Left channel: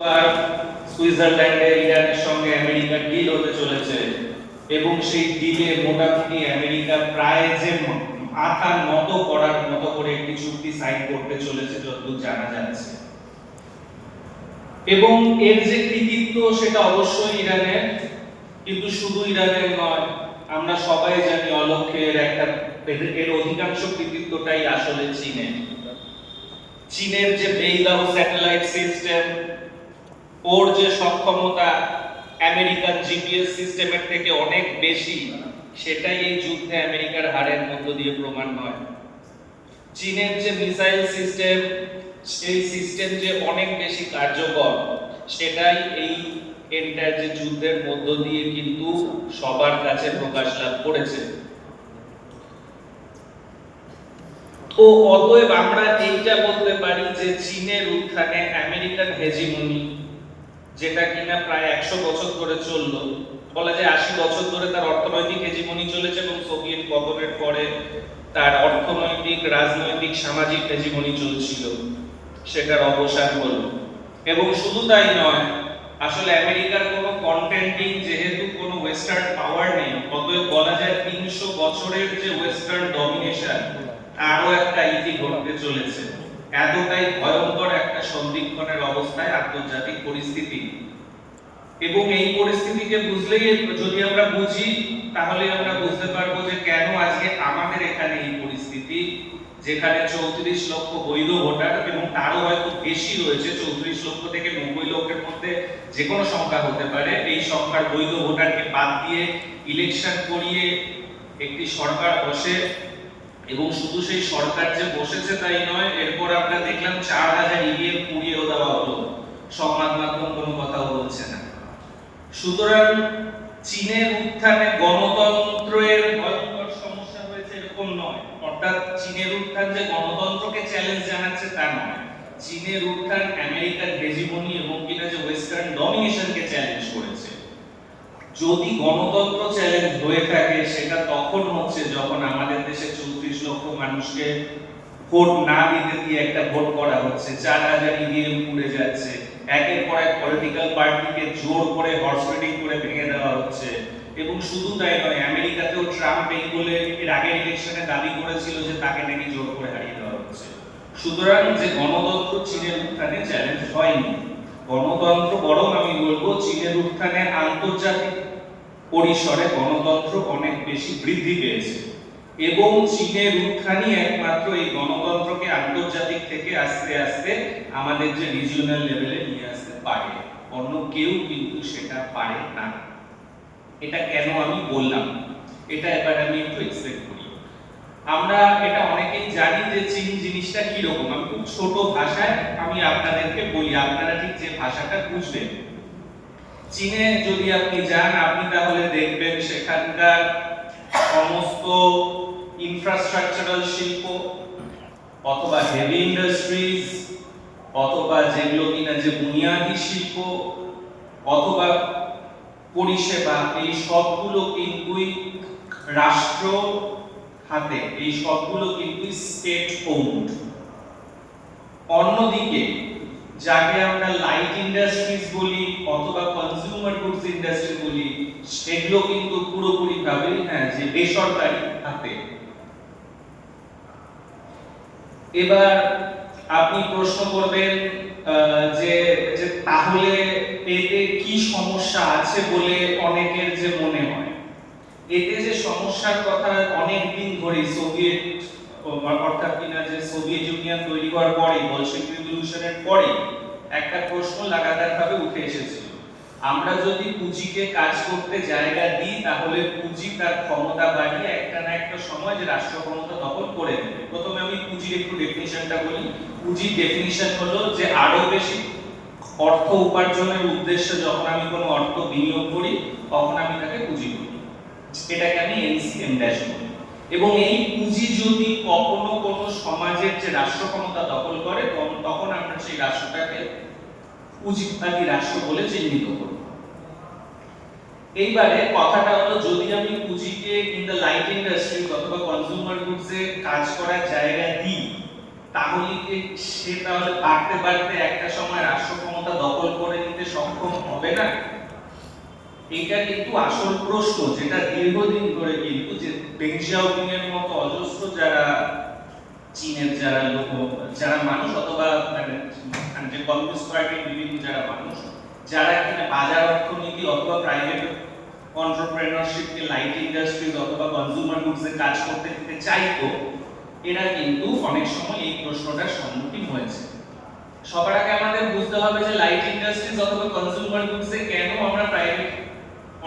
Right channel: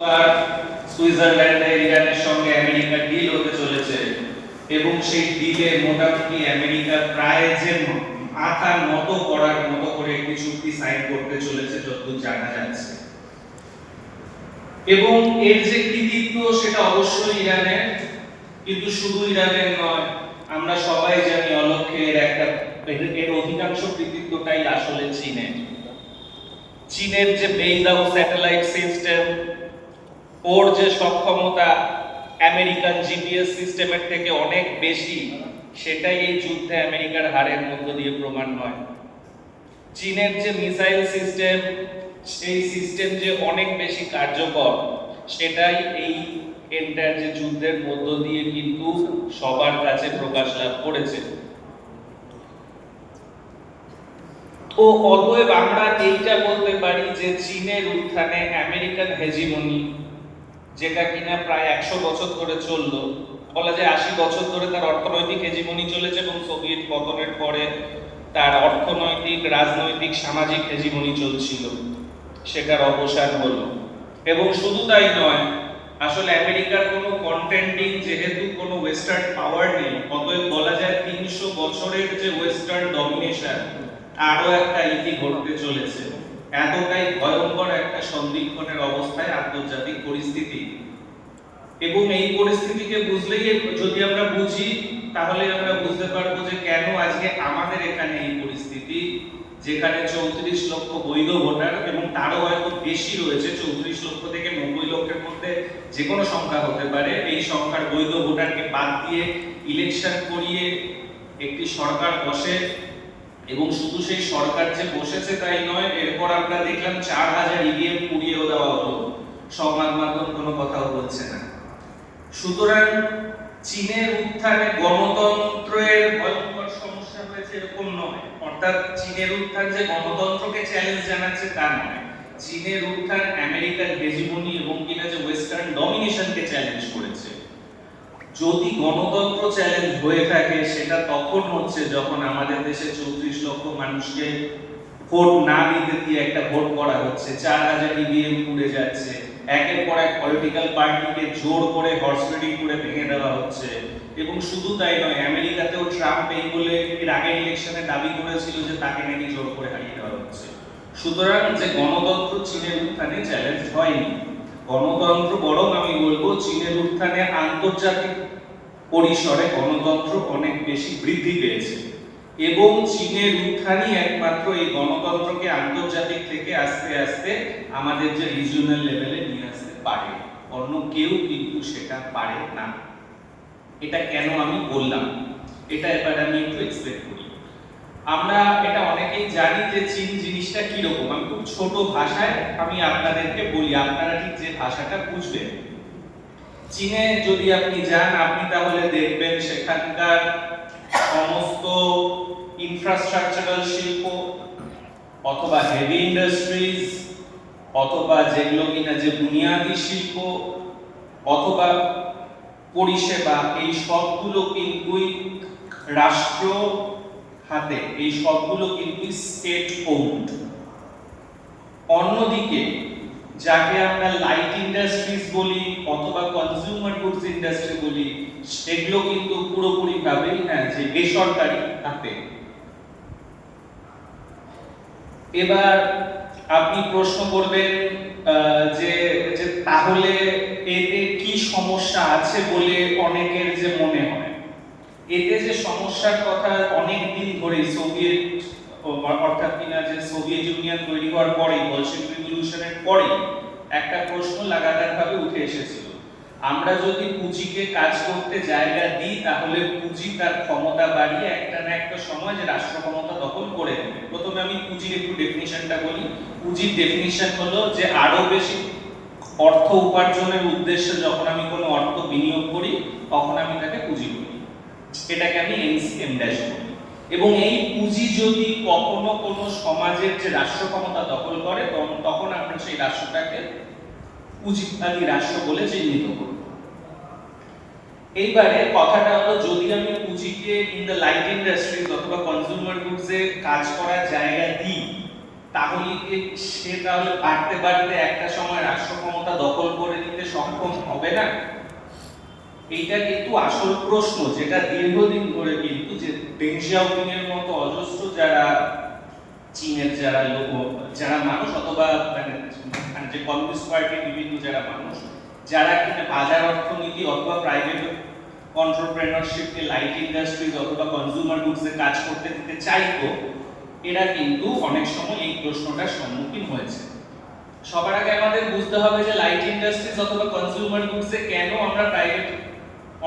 আর সুইজারল্যান্ডে ইরানের সঙ্গে আমেরিকা ডিল হতে চলেছে এবং সেই ডিলে মোটামুটি আমেরিকা প্রায় যে মাথা নত করার মতো করে একটি চুক্তি সাইন করতে চলেছে যতদূর জানা যাচ্ছে। এবং এর যে কৃতিত্ব সেটা অবশ্যই ইরানের, কিন্তু শুধু ইরানের নয়, আমরা সবাই জানি অলক্ষ্যের একটা এর অধিকাংশ কৃতিত্বটাই আসলে চীনের। চীনের যে বেইদাও স্যাটেলাইট সিস্টেম, ওর যে সক্ষমতা আমেরিকান জিপিএস সিস্টেমের থেকে অনেক বেশি, সেটাই এই যুদ্ধে আমেরিকার হারের মধ্য দিয়ে প্রমাণ হয়। চীনের যে মিসাইল সিস্টেম, সেই সিস্টেম যে অনেক বেশি কার্যকর, সেটাই এই এন্টার যে যুদ্ধের মধ্য দিয়ে কিন্তু সবার কাছে প্রকাশ লাভ করেছে। তো অতএব আমরা এইটা বলতে পারি যে চীনের উত্থানে আমেরিকান হেজিমনি, যেটা কিনা প্রায় 100 বছর ধরে চললো, বলা যায় 80 বছর ধরে তার অর্থনৈতিক হেজিমনি চলেছে এবং সোভিয়েত পতনের পরে তার অর্থনৈতিক, রাজনৈতিক, সামাজিক হেজিমনি চলছিল, সেটার অবসান হলো। এবং শুধু তাই নয়, আসলে আমেরিকার কোনো কন্টেন্টিং যেহেতু কোনো ওয়েস্টার্ন পাওয়ার নেই, অতএব বলা যায় 300 বছরের যে ওয়েস্টার্ন ডমিনেশন আরো একটা ইতি ঘটতে চলেছে। এতটাই ভয়ঙ্কর একটা সন্দিগ্ধনের অবস্থায় আন্তর্জাতিক পরিস্থিতি। এবং এই পরিস্থিতিকে বুঝলেই, যদি আমরা বুঝি, তাহলে আমরা বুঝতে পারবো যে কেন আজকে আমাদের এখানে এই পরিস্থিতি, যেখানে 34 লক্ষ বৈধ ভোটার এবং তারও হয়তো বেশি রয়েছে, 34 লক্ষ থেকে 90 লক্ষের মধ্যে যে কোনো সংখ্যা হতে পারে, এই সংখ্যার বৈধ ভোটারকে বাদ দিয়ে ইলেকশন করিয়ে একটি সরকার বসে। এবং শুধু সেই সরকার যে বসেছে তাই নয়, এরপর আমরা দেখলাম 4000 ইভিএম পুড়িয়েও দেওয়া হলো, সংবাদ মাধ্যম কোনো কথাও বলছে না। সুতরাং চীনের উত্থানে গণতন্ত্রের ভয়ঙ্কর সমস্যা হয়েছে এরকম নয়, অর্থাৎ চীনের উত্থান যে গণতন্ত্রকে চ্যালেঞ্জ জানাচ্ছে তা নয়, চীনের উত্থান আমেরিকান হেজিমনি এবং কিনা যে ওয়েস্টার্ন ডমিনেশনকে চ্যালেঞ্জ করেছে। যদি গণতন্ত্র চ্যালেঞ্জ হয়ে থাকে, সেটা তখন হচ্ছে যখন আমাদের দেশে 34 লক্ষ মানুষকে ভোট না দিতে দিয়ে একটা ভোট করা হচ্ছে, 4000 ইভিএম পুড়ে যাচ্ছে, একের পর এক পলিটিক্যাল পার্টিকে জোর করে হর্স রিডিং করে ভেঙে দেওয়া হচ্ছে। এবং শুধু তাই নয়, আমেরিকাতেও ট্রাম্প এই বলে এর আগের ইলেকশনে দাবি করেছিল যে তাকে নাকি জোর করে হারিয়ে দেওয়া হচ্ছে। সুতরাং যে গণতন্ত্র চীনের উত্থানে চ্যালেঞ্জ হয়নি, গণতন্ত্র বরং আমি বলবো চীনের উত্থানে আন্তর্জাতিক পরিসরে গণতন্ত্র অনেক বেশি বৃদ্ধি পেয়েছে। এবং চীনের উত্থানই একমাত্র এই গণতন্ত্রকে আন্তর্জাতিক থেকে আস্তে আস্তে আমাদের যে রিজিওনাল লেভেলে নিয়ে আসতে পারে, অন্য কেউ কিন্তু সেটা পারে না। এটা কেন আমি বললাম, এটা এবার আমি একটু এক্সপ্লেন করি। আমরা এটা অনেকেই জানি যে চীন জিনিসটা কি রকম। আমি খুব ছোট ভাষায় আমি আপনাদেরকে বলি, আপনারা ঠিক যে ভাষাটা বুঝবেন। চীনে যদি আপনি যান, আপনি তাহলে দেখবেন সেখানকার সমস্ত ইনফ্রাস্ট্রাকচারাল শিল্প অথবা হেভি ইন্ডাস্ট্রিজ অথবা যেগুলো কিনা যে বুনিয়াদী শিল্প অথবা পরিষেবা, এই সবগুলো কিন্তু রাষ্ট্র হাতে, এই সবগুলো কিন্তু স্টেট ওন্ড। অন্যদিকে যাকে আমরা লাইট ইন্ডাস্ট্রিজ বলি অথবা কনজিউমার গুডস ইন্ডাস্ট্রি বলি, সেগুলো কিন্তু পুরোপুরি ভাবে যে বেসরকারি হাতে। এবার আপনি প্রশ্ন করবেন যে তাহলে এতে কি সমস্যা আছে বলে অনেকের যে মনে হয়। এতে যে সমস্যার কথা অনেক দিন ধরে সোভিয়েত, অর্থাৎ কিনা যে সোভিয়েত ইউনিয়ন তৈরি হওয়ার পরে, বলশেভিক রিভলিউশনের পরে একটা প্রশ্ন লাগাতারভাবে উঠে এসেছিল, আমরা যদি পুঁজিকে কাজ করতে জায়গা দিই, তাহলে পুঁজি তার ক্ষমতা বাড়িয়ে একটা না একটা সময় যে রাষ্ট্র ক্ষমতা দখল করে নেবে। প্রথমে আমি পুঁজির একটু ডেফিনিশনটা বলি। পুঁজির ডেফিনিশন হলো যে আরো বেশি অর্থ উপার্জনের উদ্দেশ্যে যখন আমি কোনো অর্থ বিনিয়োগ করি, তখন আমি তাকে পুঁজি বলি, এটাকে আমি এনসিএম ড্যাশ বলি। এবং এই পুঁজি যদি কখনো কোনো সমাজের যে রাষ্ট্র ক্ষমতা দখল করে, তখন আমরা সেই রাষ্ট্রটাকে পুঁজিবাদী রাষ্ট্র বলে চিহ্নিত করব। এইবারে কথাটা হলো, যদি আমি পুঁজিকে ইন দ্য লাইট ইন্ডাস্ট্রি অথবা কনজিউমার গুডস এ কাজ করার জায়গা দিই, তাহলে কি সে তাহলে বাড়তে বাড়তে একটা সময় রাষ্ট্র ক্ষমতা দখল করে নিতে সক্ষম হবে না? এইটা কিন্তু আসল প্রশ্ন, যেটা দীর্ঘদিন ধরে কিন্তু যে ডেং জিয়াওপিং এর মতো অজস্র যারা চীনের যারা মানুষ অথবা মানে যে কমিউনিস্ট পার্টির বিভিন্ন যারা মানুষ যারা কিনা বাজার অর্থনীতি অথবা প্রাইভেট এন্টারপ্রেনারশিপকে লাইট ইন্ডাস্ট্রিজ অথবা কনজিউমার গুডসে কাজ করতে দিতে চাইতো, এরা কিন্তু অনেক সময় এই প্রশ্নটার সম্মুখীন হয়েছে। সবার আগে আমাদের বুঝতে হবে যে লাইট ইন্ডাস্ট্রিজ অথবা কনজিউমার গুডসে কেন আমরা প্রাইভেট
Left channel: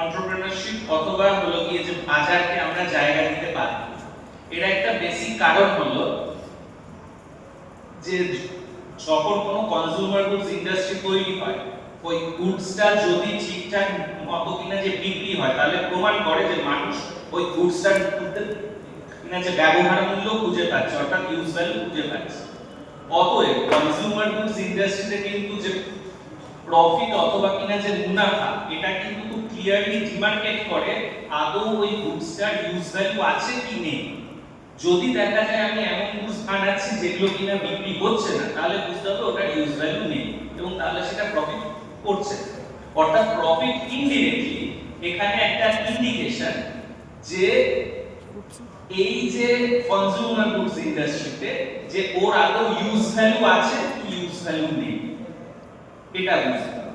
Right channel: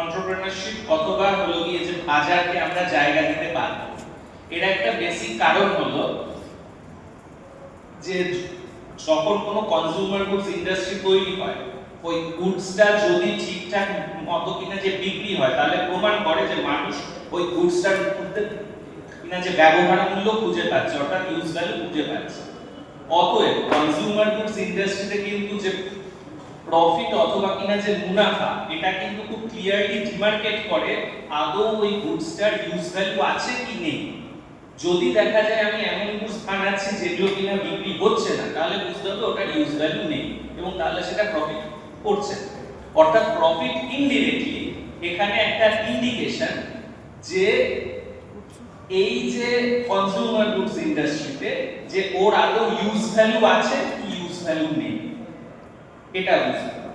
এন্টারপ্রেনারশিপ অথবা হলো গিয়ে যে বাজারকে আমরা জায়গা দিতে পারবো। এর একটা বেসিক কারণ হলো যে যখন কোনো কনজিউমার গুডস ইন্ডাস্ট্রি তৈরি হয়, ওই গুডসটা যদি ঠিকঠাক মতো কিনা যে বিক্রি হয়, তাহলে প্রমাণ করে যে মানুষ ওই গুডসটার কিনা যে ব্যবহার মূল্য খুঁজে পাচ্ছে, অর্থাৎ ইউজ ভ্যালু খুঁজে পাচ্ছে। অতএব কনজিউমার গুডস ইন্ডাস্ট্রিতে কিন্তু যে প্রফিট অথবা কিনা যে মুনাফা, এটা কিন্তু খুব ক্লিয়ারলি ডিমার্কেট করে আদৌ ওই গুডসটার ইউজ ভ্যালু আছে কি নেই। যদি দেখা যায় আমি এমন গুডস বানাচ্ছি যেগুলো কিনা বিক্রি হচ্ছে না, তাহলে বুঝতে হবে ওটার ইউজ ভ্যালু নেই এবং তাহলে সেটা প্রফিট করছে। অর্থাৎ প্রফিট ইনডিরেক্টলি এখানে একটা ইন্ডিকেশন যে এই যে কনজিউমার গুডস ইন্ডাস্ট্রিতে যে ওর আদৌ ইউজ ভ্যালু আছে কি ইউজ ভ্যালু নেই, এটা বুঝতে হবে।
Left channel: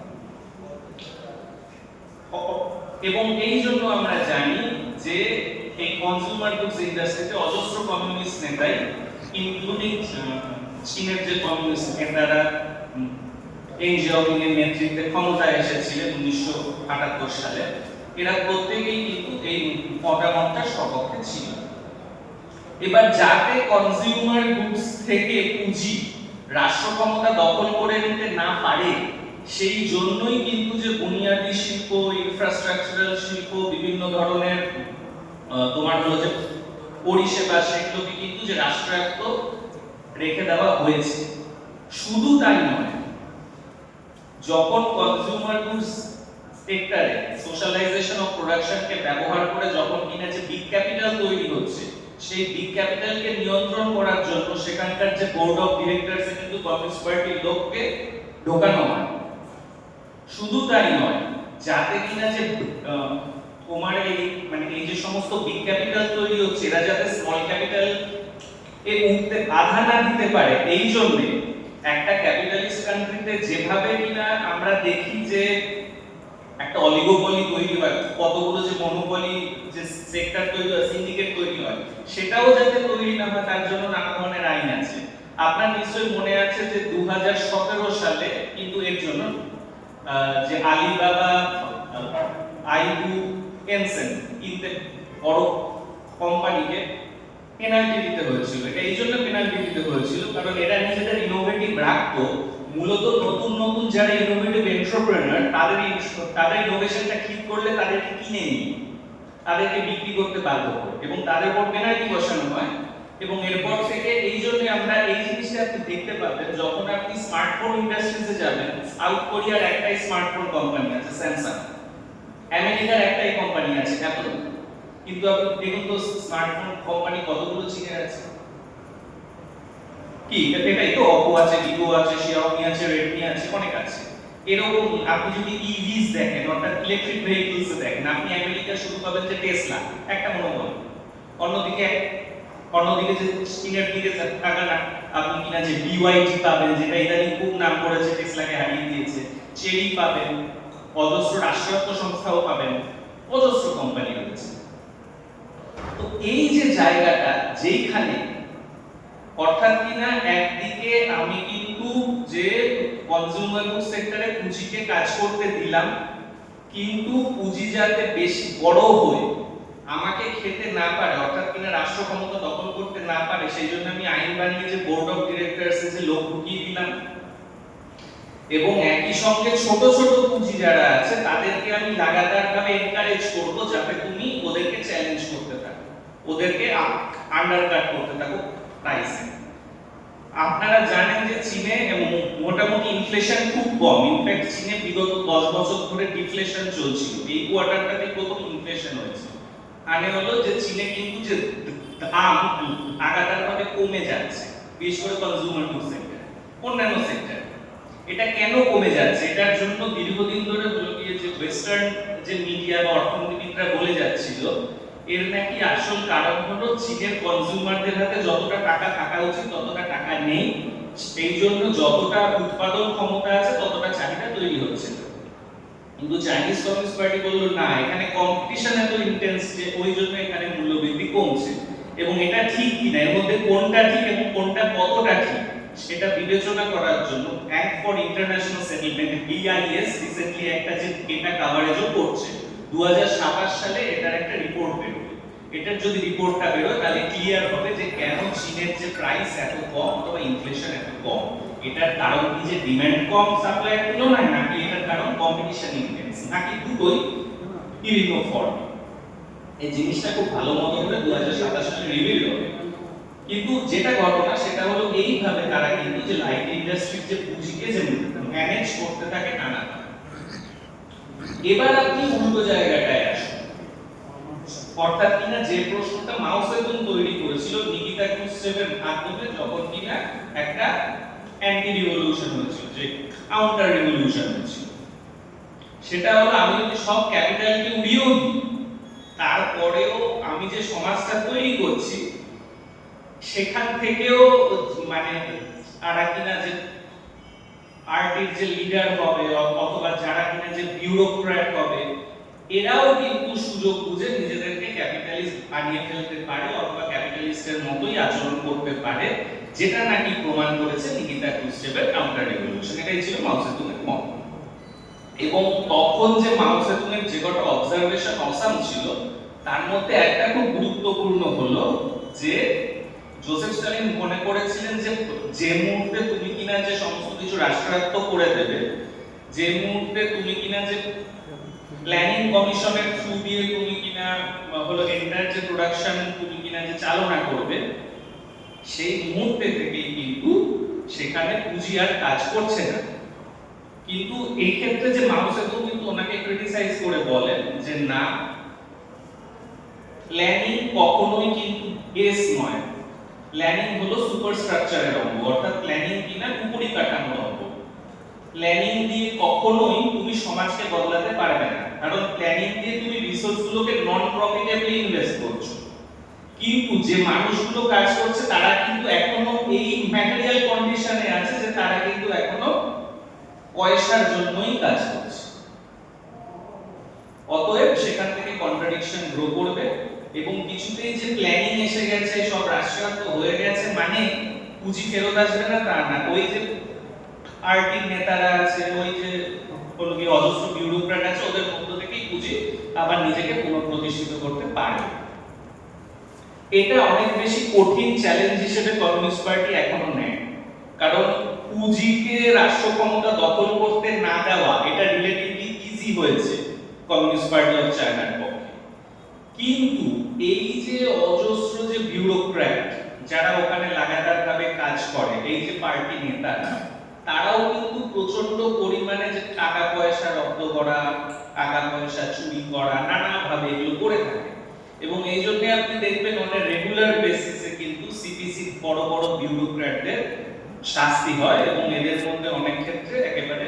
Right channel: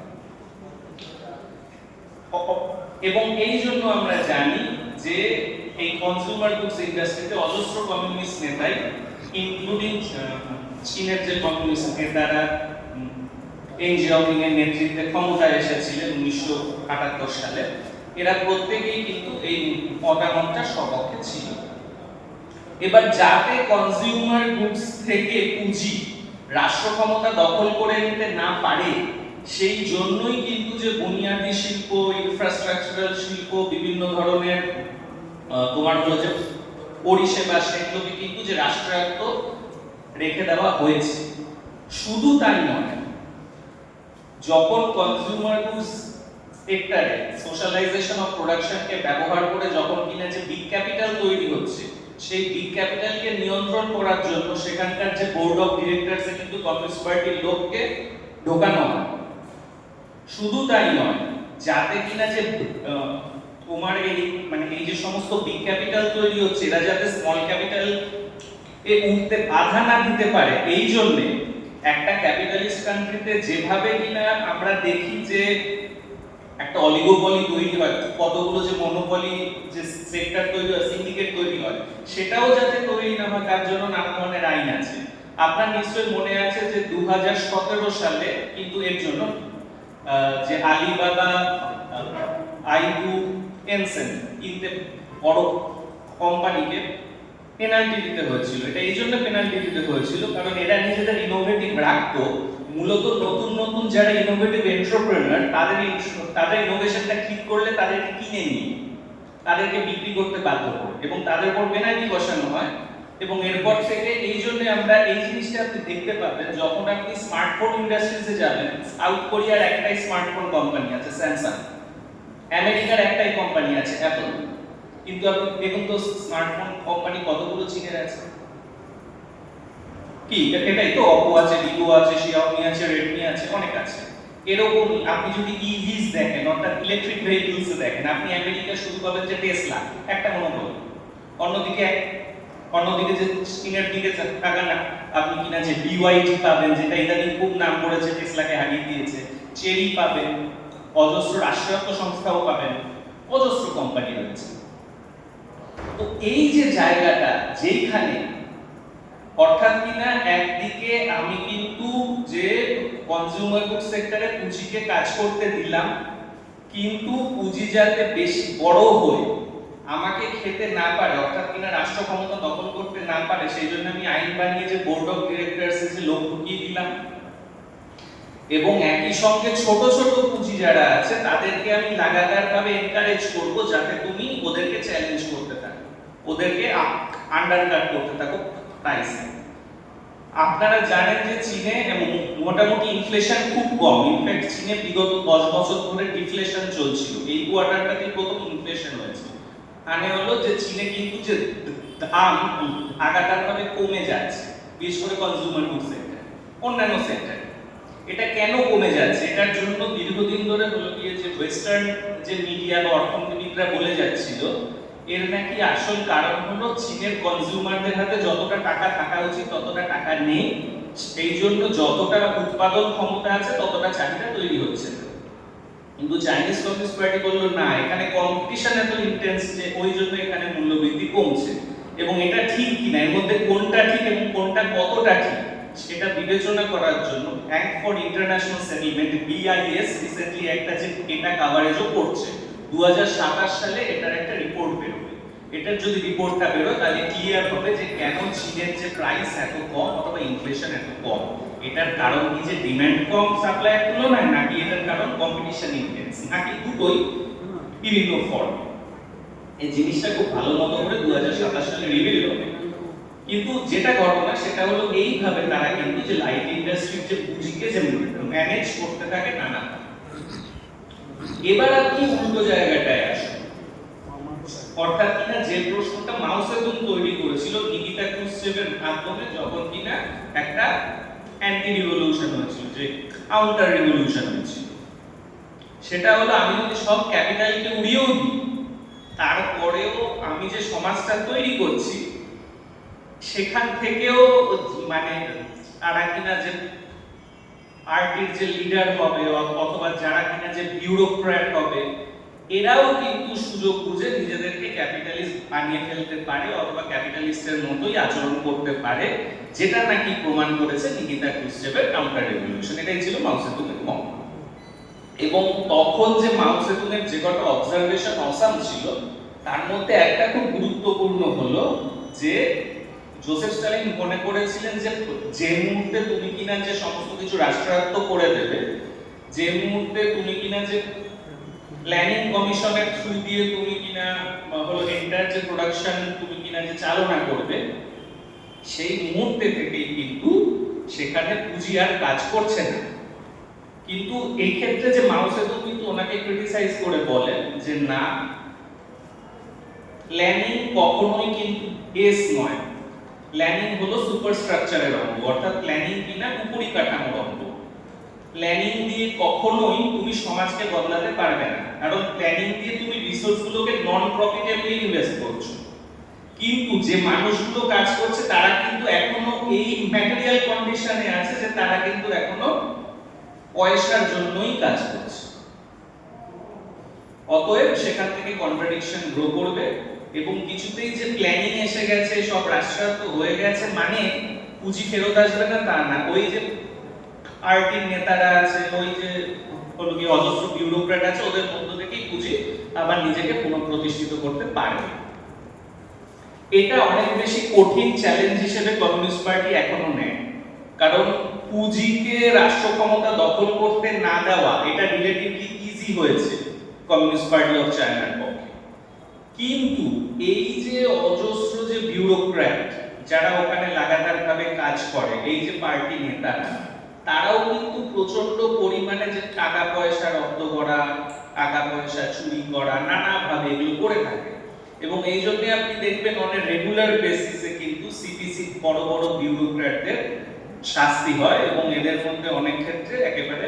এবং এই জন্য আমরা জানি যে এই কনজিউমার গুডস ইন্ডাস্ট্রিতে অজস্র কমিউনিস্ট নেতাই, ইনক্লুডিং চীনের যে কমিউনিস্ট নেতারা ডেং জিয়াওপিং এর নেতৃত্বে ক্ষমতায় এসেছিলেন 1978 সালে, এরা প্রত্যেকেই কিন্তু এই মতামতটার সপক্ষে ছিল। এবার যাতে কনজিউমার গুডস থেকে পুঁজি রাষ্ট্র ক্ষমতা দখল করে নিতে না পারে, সেই জন্যই কিন্তু যে বুনিয়াদি শিল্প, ইনফ্রাস্ট্রাকচারাল শিল্প, বিভিন্ন ধরনের তোমার হলো যে পরিষেবা, সেগুলোকে কিন্তু যে রাষ্ট্রায়ত্ত রেখে দেওয়া হয়েছে। শুধু তাই নয়, যখন কনজিউমার গুডস সেক্টরে সোশ্যালাইজেশন অফ প্রোডাকশনকে ব্যবহার করে যখন কিনা যে বিগ ক্যাপিটাল তৈরি হচ্ছে, সেই বিগ ক্যাপিটালকে নিয়ন্ত্রণ করার জন্য সেখানকার যে বোর্ড অফ ডিরেক্টরসে কিন্তু কমিউনিস্ট পার্টির লোককে ঢোকানো হয়। শুধু তাই নয়, যাতে কিনা যে তোমার এই মানে এই যে সমস্ত বিগ ক্যাপিটাল তৈরি হচ্ছে, এরা যাতে স্মল ক্যাপিটাল এ উঠতে বাধা না দিতে পারে, এই জন্য একটা ক্যাপিটালিস্ট কান্ট্রিতে যেভাবে কিনা আমরা দেখি যে একটা অলিগোপলি তৈরি হয়, কতগুলো যে মনোপলি যে সেক্টর তৈরি হয়, সিন্ডিকেট তৈরি হয়, সেটাও যাতে তৈরি না হয় তার জন্য নানা ধরনের আইন আছে। আপনার নিশ্চয়ই মনে আছে যে 2017 সালে কিন্তু এর জন্য যে আলিবাবা, আইবু, টেনসেন্ট ইনতে বড় কোম্পানিকে পেনাল্টি দিতে হয়েছিল। এটা এই জন্য পেনাল্টি দিতে হয়েছিল কারণ এরা নিজেদের ইনোভেটিভ রাখতো, মূলত নতুন নতুন যারা ইনোভেটিভ এন্টারপ্রেনার তাদের ইনোভেশনটা ঠিক করলে তাদেরকে কিনে নিয়ে তাদেরকে বিক্রি করতে বাধ্য করে এবং তাদের উপর পেনাল্টি বসানো হয়। এবং এরপর থেকে এই জন্য আমরা এই জিনিসটা আপনি দেখতে পাবেন যখন আপনি স্মার্টফোন ইন্ডাস্ট্রিতে যাবেন, সাউথ কোরিয়ার একটাই স্মার্টফোন কোম্পানি আছে স্যামসাং, আমেরিকার একটাই কোম্পানি আছে অ্যাপল, কিন্তু আপনি দেখুন তো স্মার্টফোন কোম্পানি কতগুলো চীনের আছে। কি এটাই তো, অপো আছে, ভিভো আছে, শিয়াওমি আছে, রেডমি আছে, অনেক আছে। এরকম আপনি যদি ইভিস দেখেন, অর্থাৎ ইলেকট্রিক ভেহিকলস দেখেন, আপনি আমেরিকা শুরু পাবেন যে টেসলা, একটা মনোপলি। অন্যদিকে যে চীনের দিকে তাকান আপনি কিনা যে বিওয়াইডি পাবেন, যেটা ইদানিং খুব নাম করেছে, টেসলাকে হারিয়ে দিয়েছে। চেরি পাবেন, অজস্র রাষ্ট্রায়ত্ত সংস্থাও পাবেন, অজস্র কোম্পানি রয়েছে। তো এই যে জায়গাটা যেখানে অর্থাৎ কিনা একদিকে আমি কিন্তু যে কনজিউমার গুড সেক্টরে পুঁজিকে কাজ করতে দিলাম, কিন্তু পুঁজি যাতে বেশি বড় হয়ে আমাকে খেতে না পারে, অর্থাৎ কিনা রাষ্ট্র ক্ষমতা দখল করতে না পারে, সেই জন্য আমি আইন বানিয়ে যে বোর্ড অফ ডিরেক্টরস এর যে লোক ঢুকিয়ে দিলাম। এবং একই সঙ্গে ছোট ছোট পুঁজি যারা আছে তাদেরকে আমি লাগাতারভাবে এনকারেজ করব যাতে তুমি ওদেরকে চ্যালেঞ্জ করতে থাকো, ওদেরকে আন্ডারকাট করতে থাকো প্রাইসে। আপনারা জানেন যে চীনে মোটামুটি ইনফ্লেশন খুব কম, ইনফ্যাক্ট চীনে বিগত 10 বছর ধরে ডিফ্লেশন চলছিল, এই কোয়ার্টারটাতে প্রথম ইনফ্লেশন হয়েছে। মানে হলো যে চীনে কিন্তু যে দাম লাগাতারভাবে কমে যাচ্ছে, বিশেষ করে কনজিউমার গুড সেক্টর, অন্যান্য সেক্টর। এটা কেন কমে যাচ্ছে? এটার জন্য দীর্ঘদিন ধরে বলে গিয়ে যে ওয়েস্টার্ন যে মিডিয়া বা অর্থনীতিবিদরা বলে যাচ্ছিল, এর নাকি আসল কারণ হলো চীনের কনজিউমারদের হাতে যতটা টাকা থাকা উচিত ততটা টাকা নেই, সেই জন্য যতটা উৎপাদন ক্ষমতা আছে ততটা চাহিদা তৈরি হচ্ছে। কিন্তু চাইনিজ কমিউনিস্ট পার্টি বলল না, এখানে কম্পিটিশন এত ইন্টেন্স যে ওই জন্য এখানে মূল্যবৃদ্ধি কমছে। এবং এটা ঠিক কিনা, এর মধ্যে কোনটা ঠিক এবং কোনটা কতটা ঠিক সেটা বিবেচনা করার জন্য bank for international settlement BIS recently একটা যে ডেটা কভারেজও করছে 2027 সালে এটার একটা রিপোর্ট বেরোবে। এটার যদি রিপোর্টটা বেরোয় তাহলে ক্লিয়ার হবে যে কেন চীনের যে প্রাইস এত কম অথবা ইনফ্লেশন এত কম। এটার কারণ কি যে ডিমান্ড কম সাপ্লাইয়ের তুলনায়, নাকি এটার কারণ কম্পিটিশন ইন্টেন্স, নাকি দুটোই বিভিন্ন ফর্ম? এই জিনিসটা খুব ভালো মতো করে 2027 সালে রিভিল হবে। কিন্তু যেটা ঘটনা সেটা হলো এইভাবে তারা কিন্তু যে লাইট ইন্ডাস্ট্রির যে পুঁজিকে যে ম্যানেজ করতে থাকে নানা। এবার আপনি উল্টো জায়গাটায় আসুন, অর্থাৎ কিনা যে প্রশ্নটা মাও সেতুং তৈরি করেছিল নিকিতা ক্রুশ্চেভের মাধ্যমে, যখন কিনা একটা অ্যান্টি রিভলিউশন হয়েছিল, যে কাউন্টার রিভলিউশন হয়েছিল, সেটা হলো আমি যদি সব ক্যাপিটালকে উড়িয়েও দিই, তারপরেও আমি যে সমাজটা তৈরি করছি সেখান থেকেও মানে তারা কিনা যে পার্টির যে লিডার হবে অথবা যারা কিনা যে বিউরোক্র্যাট হবে, এরাও কিন্তু সুযোগ বুঝে নিজেদেরকে ক্যাপিটালিস্ট বানিয়ে ফেলতে পারে অথবা ক্যাপিটালিস্টের মতোই আচরণ করতে পারে, যেটা নাকি প্রমাণ করেছে নিকিতা ক্রুশ্চেভের কাউন্টার রেভলিউশন। এটাই ছিল মাও সেতুংয়ের মত। এবং তখন যে মাও সেতুংয়ের যে কটা অবজারভেশন অসাম ছিল, তার মধ্যে একটা খুব গুরুত্বপূর্ণ হলো যে জোসেফ স্ট্যালিন মনে করেছিলেন যে যে মুহূর্তে তুমি কিনা যে সমস্ত কিছু রাষ্ট্রায়ত্ত করে দেবে, যে মুহূর্তে তুমি কিনা যে প্ল্যানিং কমিশনের থ্রু দিয়ে তুমি কিনা হলো এন্টার যে প্রোডাকশন তুমি কিনা যে চালনা করবে, সেই মুহূর্তে থেকেই কিন্তু সেখানে পুঁজি আর কাজ করছে না। কিন্তু এই ক্ষেত্রে যে মাও সেতুং কিন্তু ওনাকে ক্রিটিসাইজ করে বলেন যে না, প্ল্যানিং কখনোই কিন্তু বেস নয়, প্ল্যানিং হলো সুপারস্ট্রাকচারের অঙ্গ, অর্থাৎ প্ল্যানিং কিনা উপরিকাঠামোর অঙ্গ। প্ল্যানিং দিয়ে কখনোই তুমি সমাজকে বদলাতে পারবে না, কারণ প্ল্যানিং দিয়ে তুমি রিসোর্সগুলোকে নন প্রফিটেবলি ইনভেস্ট করছো। কিন্তু যে মানুষগুলো কাজ করছে তারা কিন্তু এখনো এই ম্যাটেরিয়াল কন্ডিশনে আছে যে তারা কিন্তু এখনো পয়সার জন্যই কাজ করছে। অতএব সেখান থেকে কন্ট্রাডিকশন গ্রো করবে এবং কিছুতেই যে প্ল্যানিং এসে গেছে, সব রাষ্ট্রায়ত্ত হয়ে গেছে মানে পুঁজি ফেরত আসবে না তা না। ওই যে পার্টির নেতারা আছে, ওই যে অজস্র বিউরোক্র্যাট আছে, ওদের মধ্য থেকেই পুঁজি আবার নিজেকে পুনঃপ্রতিষ্ঠিত করতে পারে। এটা অনেক বেশি কঠিন চ্যালেঞ্জ হিসেবে কমিউনিস্ট পার্টি এখনো নেয়, কারণ পুঁজিকে রাষ্ট্র ক্ষমতা দখল করতে না দেওয়া এটা রিলেটিভলি ইজি হয়েছে কমিউনিস্ট পার্টি অফ চায়নার পক্ষে। কিন্তু এই যে অজস্র যে বিউরোক্র্যাট যারা ওখানে লাগাতারভাবে কাজ করে, এই যে পার্টি নেতারা, তারাও কিন্তু প্রচন্ড পরিমাণে যে টাকা পয়সা রপ্ত করা, টাকা পয়সা চুরি করা, নানাভাবে এগুলো করে থাকে। এবং এই জন্য আপনি দেখবেন অনেক রেগুলার বেসিসে কিন্তু সিপিসি বড় বড় বিউরোক্র্যাটদের শাস্তি হয় এবং এদের মধ্যে অনেক ক্ষেত্রে একেবারে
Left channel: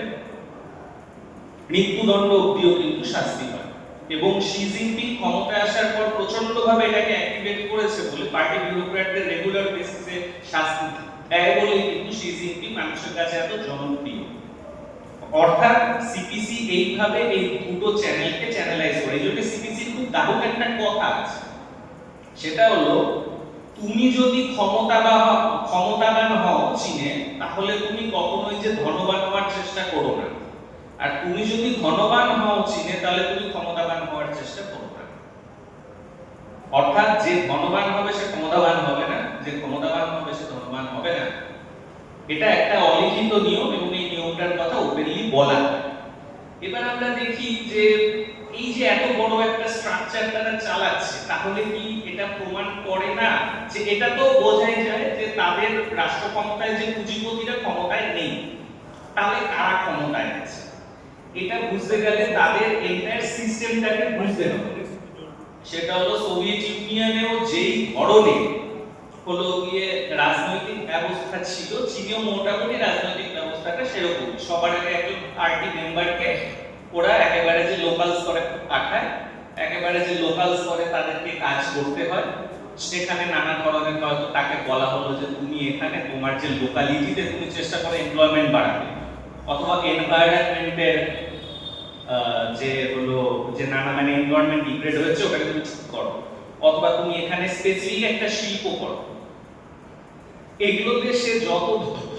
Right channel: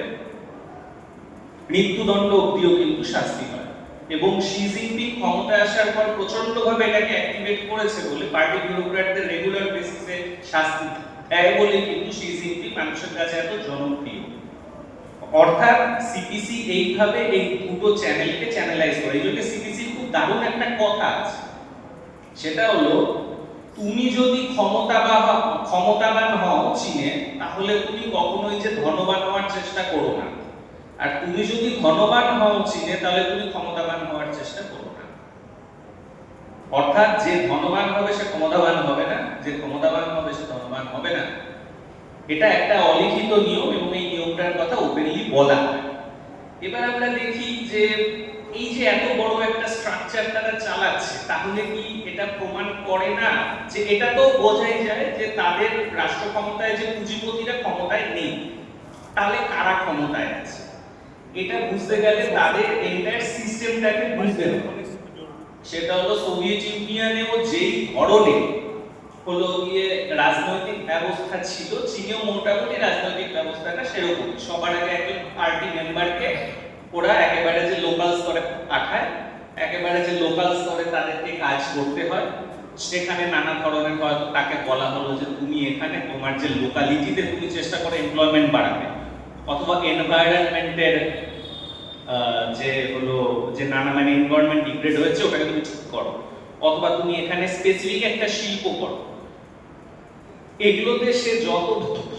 মৃত্যুদণ্ড অবধিও কিন্তু শাস্তি হয়। এবং শি জিনপিং ক্ষমতায় আসার পর প্রচন্ডভাবে এটাকে অ্যাক্টিভেট করেছে বলে পার্টি বিউরোক্র্যাটদের রেগুলার বেসিসে শাস্তি দেয় বলে কিন্তু শি জিনপিং মানুষের কাছে এত জনপ্রিয়। অর্থাৎ সিপিসি এইভাবে এই দুটো চ্যানেলকে চ্যানেলাইজ করে। এই জন্য সিপিসির খুব দারুণ একটা কথা আছে, সেটা হলো তুমি যদি ক্ষমতাবান হও চীনে, তাহলে তুমি কখনোই যে ধনবান হওয়ার চেষ্টা করো না, আর তুমি যদি ধনবান হও চীনে তাহলে তুমি ক্ষমতাবান হওয়ার চেষ্টা করো না। অর্থাৎ যে ধনবান হবে সে ক্ষমতাবান হবে না, যে ক্ষমতাবান হবে সে ধনবান হবে না। এটা একটা অলিখিত নিয়ম এবং এই নিয়মটার কথা ওপেনলি বলা হয়। এবার আমরা দেখি যে এই যে এত বড় একটা স্ট্রাকচার তারা চালাচ্ছে, তাহলে কি এটা প্রমাণ করে না যে এটা তো বোঝাই যায় যে তাদের রাষ্ট্র ক্ষমতায় যে পুঁজিপতিরা ক্ষমতায় নেই, তাহলে কারা ক্ষমতায় আছে? এটা বুঝতে গেলে তাদের এন্টায়ার সিস্টেমটাকে বুঝতে হবে। সেটা হলো সোভিয়েত ইউনিয়নেও যেই ধরনের হলো গিয়ে রাজনৈতিক ব্যবস্থা ছিল, চীনেও মোটামুটি রাজনৈতিক ব্যবস্থাটা সেরকম। সবার আগে একজন পার্টি মেম্বারকে ওরা একেবারে যে লোকাল স্তরে পাঠায়, একেবারে যে লোকাল স্তরে তাদেরকে কাজ করতে হয়। সেখানে নানা ধরনের হয়তো তাকে বলা হলো যে তুমি এখানে তোমার যে লোকালিটিতে তুমি চেষ্টা করো এমপ্লয়মেন্ট বাড়াবে, অথবা এনভায়রনমেন্টের যে হলো যে নানা মানে এনভায়রনমেন্ট ডিগ্রেড হয়েছে ওটাকে তুমি ঠিক করো, অথবা তুমি এখানে স্পেসিফিক একটা শিল্প করো। এগুলোতে সে যত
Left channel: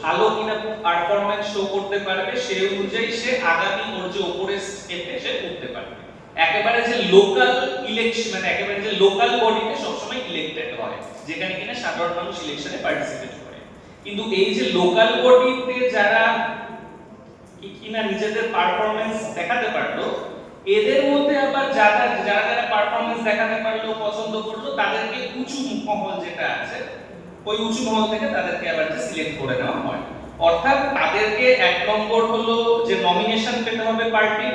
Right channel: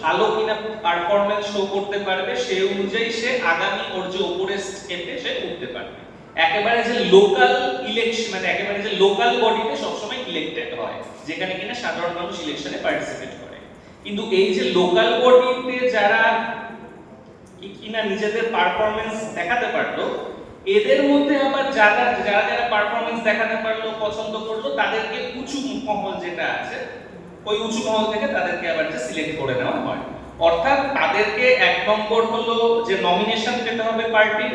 ভালো কিনা পারফরম্যান্স শো করতে পারবে সেই অনুযায়ী সে আগামী ওর যে উপরে স্টেপে সে উঠতে পারবে। একেবারে যে লোকাল ইলেকশন মানে একেবারে যে লোকাল বডিতে সবসময় ইলেক্টেড হয়, যেখানে কিনা সাধারণ মানুষ ইলেকশনে পার্টিসিপেট করে। কিন্তু এই যে লোকাল বডিতে যারা কিনা নিজেদের পারফরম্যান্স দেখাতে পারলো, এদের মধ্যে আবার যারা যারা পারফরম্যান্স দেখাতে পারলো, পছন্দ করলো, তাদেরকে উঁচু মহল যেটা আছে ওই উঁচু মহল থেকে তাদেরকে আবার যে সিলেক্ট করে নেওয়া হয়। অর্থাৎ তাদেরকে এক নম্বর হলো যে নমিনেশন পেতে হবে পার্টি,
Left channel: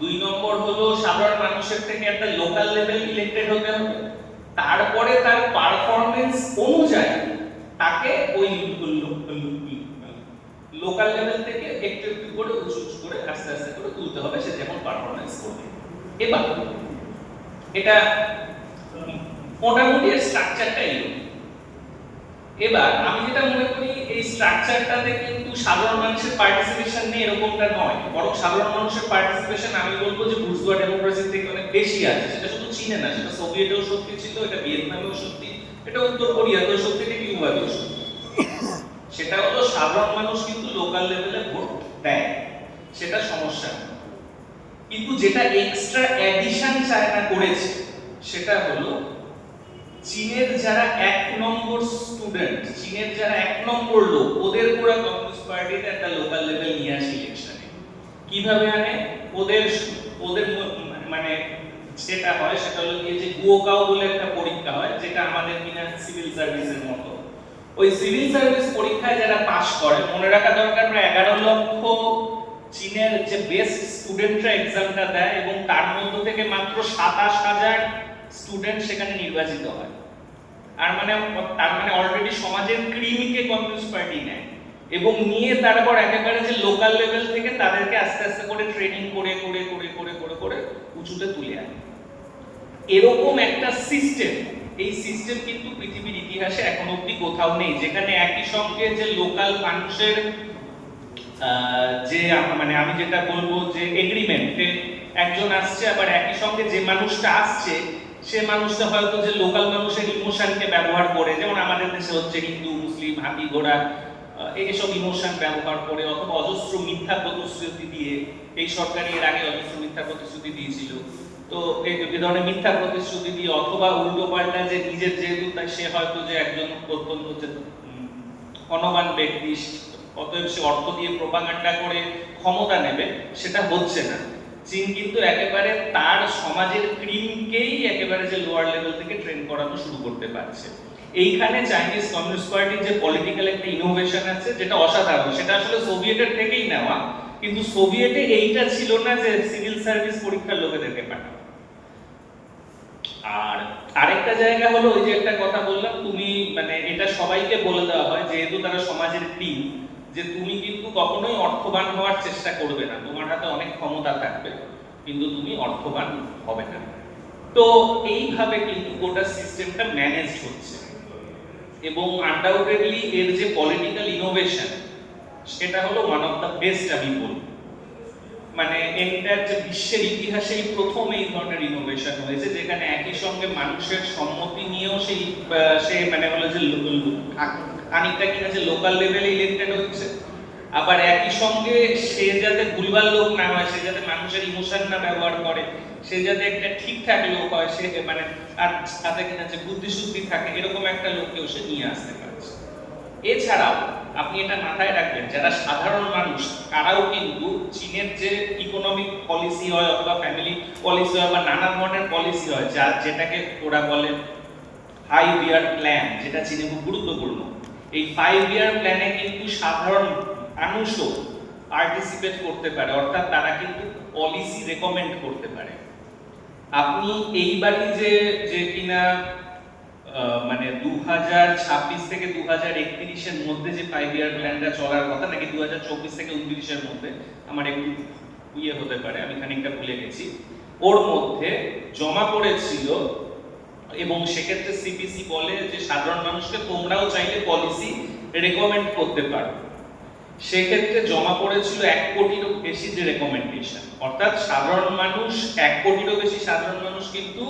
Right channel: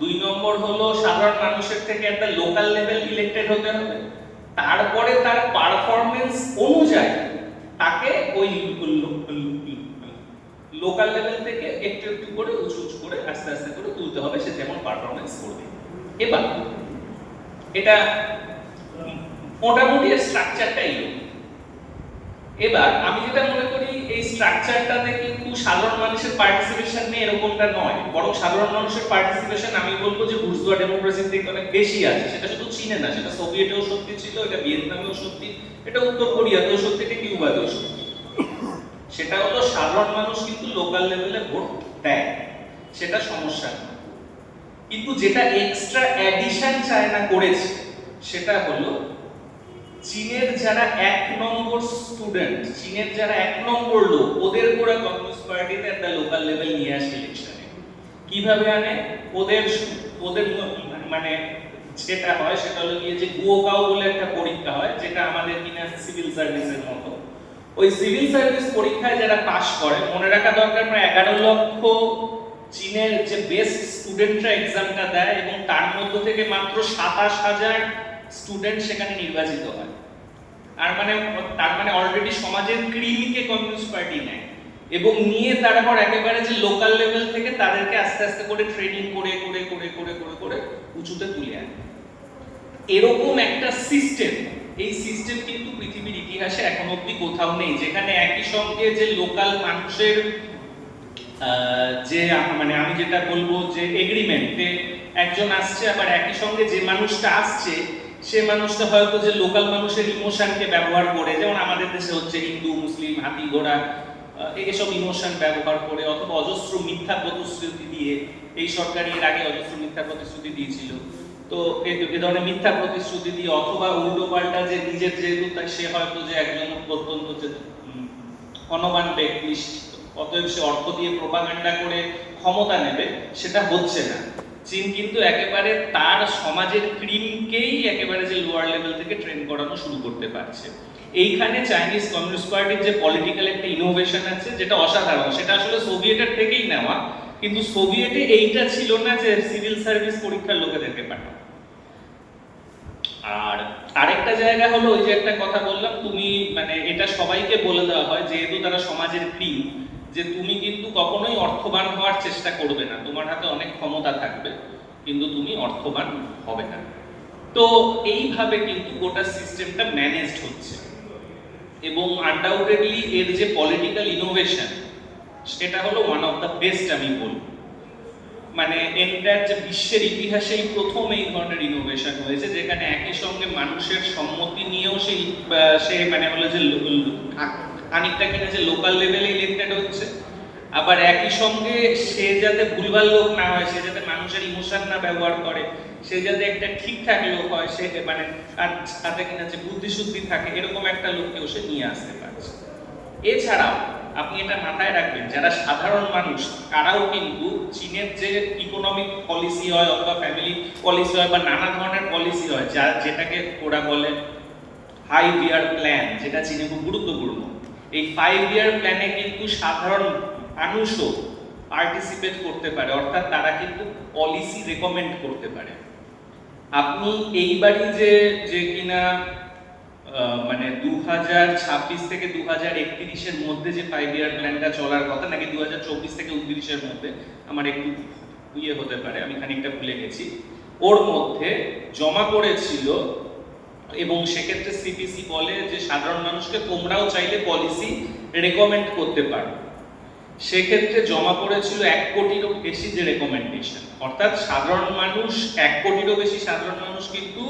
দুই নম্বর হলো সাধারণ মানুষের থেকে একটা লোকাল লেভেল ইলেক্টেড হতে হবে, তারপরে তার পারফরম্যান্স অনুযায়ী তাকে ওই লোকাল লেভেল থেকে একটু একটু করে উঁচু উঁচু করে আস্তে আস্তে করে তুলতে হবে সে যেমন পারফরম্যান্স করবে। এবার এটা মোটামুটি স্ট্রাকচারটাই। এবার আমি যেটা মনে করি এই স্ট্রাকচারটাতে কিন্তু সাধারণ মানুষের পার্টিসিপেশন নেই এরকমটা নয়, বরং সাধারণ মানুষের পার্টিসিপেশন আমি বলবো যে বুর্জোয়া ডেমোক্রেসির থেকে অনেক বেশি আছে। সেটা শুধু চীনে না, সেটা সোভিয়েটেও সত্যি ছিল, এটা ভিয়েতনামেও সত্যি, এটা উত্তর কোরিয়াতেও সত্যি, এটা কিউবাতেও সত্যি। সেটা হলো সাধারণ মানুষ কিন্তু লোকাল লেভেলে ভোট দেয়, সেটা সমস্যা না। কিন্তু যেটা এক্সট্রা অ্যাডিশন চায়না করেছে সেটা হলো চীনের যারা এক নম্বর স্টুডেন্ট, চীনের যারা এক নম্বর লোক, ওদের পুরো কমিউনিস্ট পার্টিতে একটা লোকাল লেভেল নিয়ে আসে ইলেকশনে। কিভাবে আনে? ওদের ওদের মানে যেটা হয় সেটা হলো গিয়ে যে গুওকাও বলে একটা পরীক্ষা হয়, যেটা আমাদের কিনা সিভিল সার্ভিসের মতো। ওই সিভিল সার্ভিস পরীক্ষায় যারা পাস করে, মনে রাখা দরকার প্রায় 11 লক্ষ চীনের যে বেস্ট স্টুডেন্টরা এক্সামটা দেয় এবং তার মধ্য থেকে মাত্র 27,000 স্টুডেন্ট সেখানে নির্বাচিত হয়। আর মানে তার মানে অলরেডি সমাজের ক্রিমকে কমিউনিস্ট পার্টি নেয় এবং নিয়ে তারপর একেবারে যে লোকাল লেভেল থেকে তাদেরকে আস্তে আস্তে করে ট্রেনিং করে করে করে করে করে করে উঁচুতে তুলে আনে। এরকম একটা সিস্টেম, এই সিস্টেম কিন্তু পৃথিবীর ইতিহাসে এখন অবধি কোথাও নেই, যেখানে একই সঙ্গে যে লোকাল মানুষের যে মানে আমি যেটা বলবো যে এগ্রিমেন্টে একজন আসছে, আবার একই সঙ্গে যে মানুষটা আসছে সে মানুষটা হয়তো যে লোকাল মানুষের ইমোশনকে ব্যবহার করে, যেমন আমাদের দেশে হচ্ছে হিন্দু মুসলিম হাতি ঘোড়া এইসব ইমোশন ব্যবহার করে, অথবা অজস্র মিথ্যা প্রতিশ্রুতি দিয়ে, এই সরকার এর আগে অজস্র মিথ্যা প্রতিশ্রুতি দিয়েছিল, তো এই ধরনের মিথ্যা প্রতিশ্রুতি দিয়ে, অথবা উল্টো পাল্টা যে নিজের যেহেতু সে হয়তো যে একজন অত্যন্ত ধনবান ব্যক্তি, অতএব সে অর্থ দিয়ে প্রোপাগান্ডা করে ক্ষমতা নেবে, সেটা হচ্ছে না। চীন কিন্তু একেবারে তার সমাজের ক্রিমকেই একেবারে যে লোয়ার লেভেল থেকে ট্রেন করানো শুরু করতে পারছে। এইখানে চাইনিজ কমিউনিস্ট পার্টির যে পলিটিক্যাল একটা ইনোভেশন আছে যেটা অসাধারণ, সেটা আসলে সোভিয়েটের থেকেই নেওয়া, কিন্তু সোভিয়েটে এইটা ছিল না যে সিভিল সার্ভিস পরীক্ষার লোকেদেরকে পাঠানো। আর আরেকটা জায়গা হলো ওই যে একটা কথা বললাম, তুমি মানে এটা সবাইকে বলে দেওয়া হয় যেহেতু তারা সমাজের ক্রিম, যে তুমি কিন্তু কখনোই অর্থবান হওয়ার চেষ্টা করবে না, তোমার হাতে অনেক ক্ষমতা থাকবে কিন্তু তুমি অর্থবান হবে না। তো এইভাবে কিন্তু গোটা সিস্টেমটা ম্যানেজড হচ্ছে এবং আনডাউটেডলি এর যে পলিটিক্যাল ইনোভেশন সেটা হলো ওয়ান অফ দ্য বেস্ট আমি বলবো। মানে এন্টার যে বিশ্বের ইতিহাসেই প্রথম এই ধরনের ইনোভেশন হয়েছে, যেখানে একই সঙ্গে মানুষের সম্মতি নিয়েও সে মানে হলো যে খানিকটা কিনা যে লোকাল লেভেলে ইলেক্টেড হচ্ছে, আবার একই সঙ্গে সে যাতে ভুলভাল লোক না হয়, সে যাতে মানুষের ইমোশন না ব্যবহার করে, সে যাতে একটা ঠিকঠাক লোক হয়, সে মানে তাতে কিনা যে বুদ্ধিশুদ্ধি থাকে, এরকম একটা লোককেও সে নিয়ে আসতে পারছে। এছাড়াও আপনি এটা মাথায় রাখবেন, যারা সাধারণ মানুষ তারাও কিন্তু চীনের যে ইকোনমিক পলিসি হয় অথবা ফ্যামিলি পলিসি হয় বা নানা ধরনের পলিসি হয়, যেটাকে ওরা বলে 5 ইয়ার প্ল্যান, যেটা চীনে খুব গুরুত্বপূর্ণ। এই 5 ইয়ার প্ল্যানে কিন্তু সাধারণ মানুষও পার্টিসিপেট করতে পারে, অর্থাৎ তারা কিন্তু পলিসি রেকমেন্ড করতে পারে। আপনি এইবারই যে কিনা মানে 2026 থেকে 2031-এর মধ্যে যে 5 ইয়ার প্ল্যানটা চলার কথা, নাকি 2024 থেকে 29-এর মধ্যে, আমার একটু ইয়ে হতে পারে, আমি খানিকটা ভুলে গেছি, ওর মধ্যে জমা পড়েছিল। এবং সেক্ষেত্রে সিপিসি বলে যে সাধারণ মানুষকে তোমরাও চাইলে পলিসি রেকমেন্ড করতে পারো। সেক্ষেত্রে জমা পড়েছিল 1 কোটিরও বেশি যে রেকমেন্ডেশন, অর্থাৎ সাধারণ মানুষ 1 কোটিরও বেশি সাধারণ মানুষ কিন্তু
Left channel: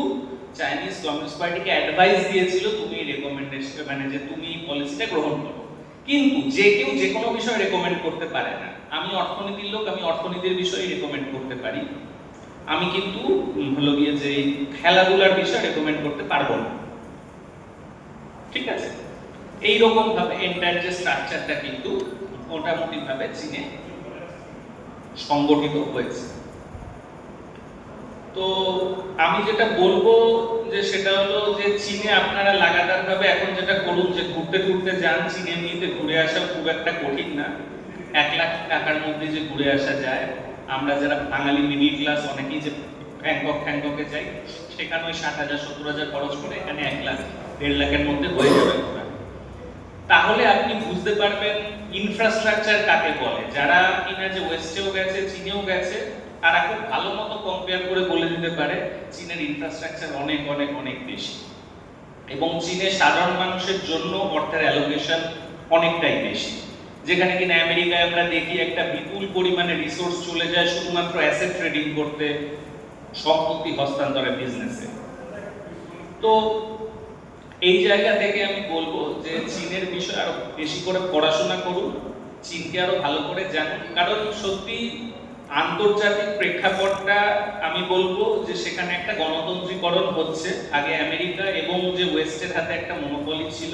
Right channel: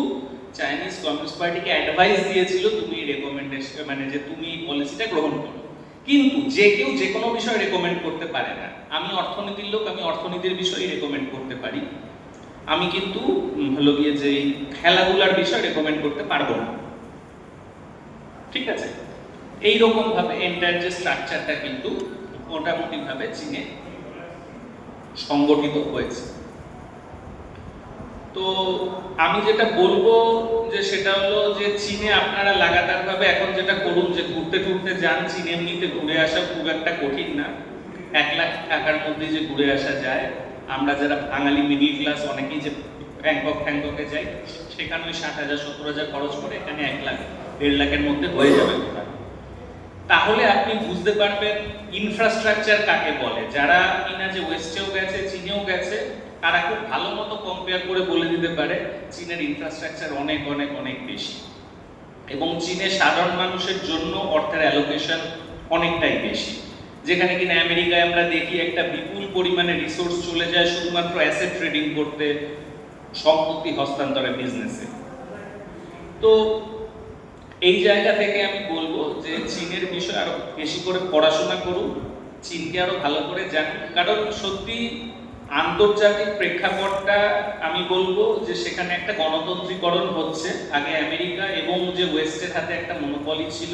চাইনিজ কমিউনিস্ট পার্টিকে অ্যাডভাইস দিয়েছিল তুমি রেকমেন্ডেশন মানে যে তুমি পলিসিটা গ্রহণ করো। কিন্তু যে কেউ যে কোনো বিষয় রেকমেন্ড করতে পারে না। আমি অর্থনীতির লোক, আমি অর্থনীতির বিষয়ে রেকমেন্ড করতে পারি, আমি কিন্তু হলো গিয়ে যে খেলাধুলার বিষয় রেকমেন্ড করতে পারবো না। ঠিক আছে, এইরকম ভাবে এন্টায়ার যে স্ট্রাকচারটা কিন্তু মোটামুটি ভাবে চীনে সংগঠিত হয়েছে। তো আমি যেটা বলবো যে সেটা হলো যে চীনে আপনারা লাগাতার ভাবে এখন যেটা করুন যে ঘুরতে ঘুরতে যান। চীন এমনিতে ঘুরে আসা খুব একটা কঠিন না, 1 লাখ টাকার মধ্যে যে ঘুরে আসা যায়। আমরা যারা বাঙালি মিডিল ক্লাস অনেকেই যে ব্যাংককে যাই, সেখানে ওই 60,000 70,000 খরচ করে এখানে 1 লাখ 1.5 লাখের মধ্যে হয়ে যাবে ঘোরা। তাহলে আপনি বুঝতে পারবেন ইনফ্রাস্ট্রাকচার কাকে বলে। যারা কিনা যে ওয়েস্টেও গেছে, চীনেও গেছে, তারা খুব ভালো মতো কম্পেয়ার করে বলে দিতে পারে চীনের ইনফ্রাস্ট্রাকচার অনেক অনেক অনেক বেশি, এবং চীনে সাধারণ মানুষের জন্য অর্থের অ্যালোকেশন অনেকটাই বেশি। যেখানে কিনা আমেরিকায় আমরা দেখি একটা বিপুল পরিমাণে রিসোর্স চলে যায় শুধুমাত্র অ্যাসেট ট্রেডিং করতে, সম্পত্তি হস্তান্তরের বিজনেসে। তো এই জায়গা থেকে আমি বলবো যে চীনের বিষয়ে আরো বেশি করে পড়াশোনা করুন, চীনকে আরো ভালো করে জানুন। কারণ সত্যি আন্তর্জাতিক প্রেক্ষাপটটা আমি বলবো যে সেখানে একটা গণতন্ত্রীকরণ হচ্ছে। আগে আমেরিকা এবং যে ওয়েস্টের হাতে একটা মনোপলি ছিল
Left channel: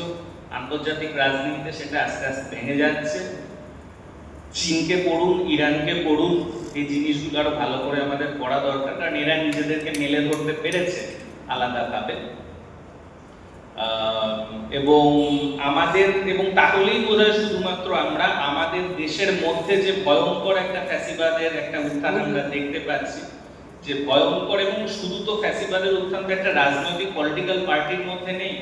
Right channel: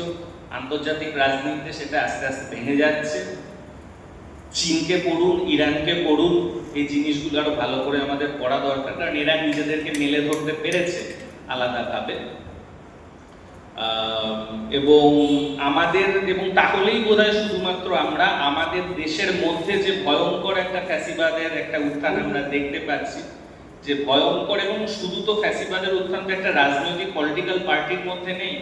আন্তর্জাতিক রাজনীতিতে, সেটা আস্তে আস্তে ভেঙে যাচ্ছে। চীনকে পড়ুন, ইরানকে পড়ুন, এই জিনিসগুলো আরো ভালো করে আমাদের পড়া দরকার, কারণ এরা নিজেদেরকে মেলে ধরতে পেরেছে আলাদাভাবে। এবং আমাদের এবং তাহলেই বোধহয় শুধুমাত্র আমরা আমাদের দেশের মধ্যে যে ভয়ঙ্কর একটা ফ্যাসিবাদের একটা উত্থান আমরা দেখতে পাচ্ছি, যে ভয়ঙ্কর, এবং শুধু তো ফ্যাসিবাদের উত্থান তো একটা রাজনৈতিক পলিটিক্যাল পার্টির মধ্যে নেই।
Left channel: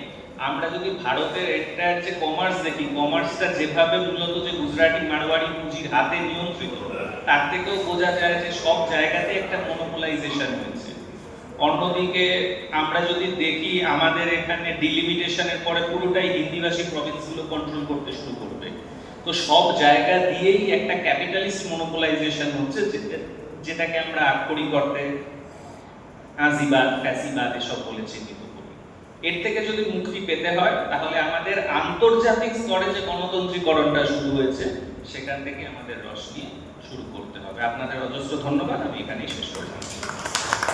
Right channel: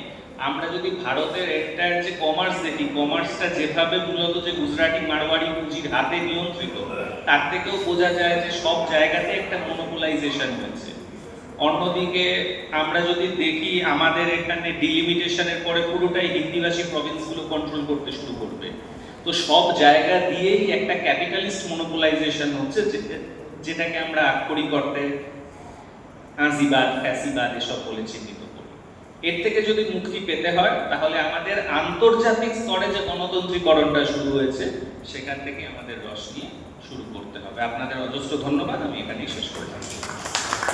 আমরা যদি ভারতের এন্টায়ার যে কমার্স দেখি, কমার্সটা যেভাবে মূলত যে গুজরাটি মারওয়াড়ি পুঁজির হাতে নিয়ন্ত্রিত, তার থেকেও বোঝা যায় যে সব জায়গাতে একটা মনোপোলাইজেশন হয়েছে। অন্যদিকে আমরা যদি দেখি আমাদের এখানে ডিলিমিটেশনের পরে পুরোটাই হিন্দিভাষী প্রভিন্সগুলো কন্ট্রোল করতে শুরু করবে। তো সব জায়গা দিয়েই একটা ক্যাপিটালিস্ট মনোপোলাইজেশন হচ্ছে, যেটাকে আমরা আক্ষরিক অর্থে নাজিবাদ, ফ্যাসিবাদ এসব বলে চিহ্নিত করি। এর থেকে যদি মুক্তি পেতে হয় তাহলে আমাদের আন্তর্জাতিক স্তরে যে গণতন্ত্রীকরণটা শুরু হয়েছে সেখান থেকে আমাদের রস নিয়ে শুরু করতে হবে। আপনাদের অজস্র ধন্যবাদ, আমি এখানেই